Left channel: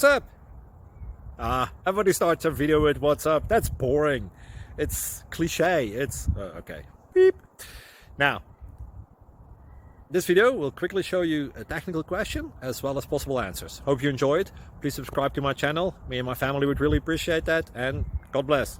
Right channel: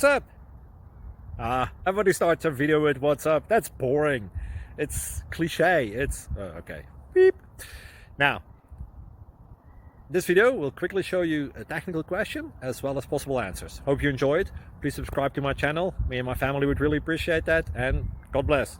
What's up? Everybody starts a video with what's up. That's boring. It's cliche. It's okay. Beep. Now, this video will quickly show you a technical question as well as possible answers. Hope you enjoyed. Please subscribe to my channel. Me and my family would really appreciate that, and God bless.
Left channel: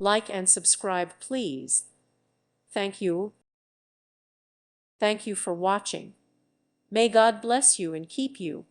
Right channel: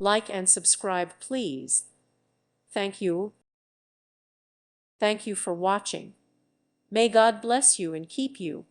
Like and subscribe, please. Thank you. Thank you for watching. May God bless you and keep you.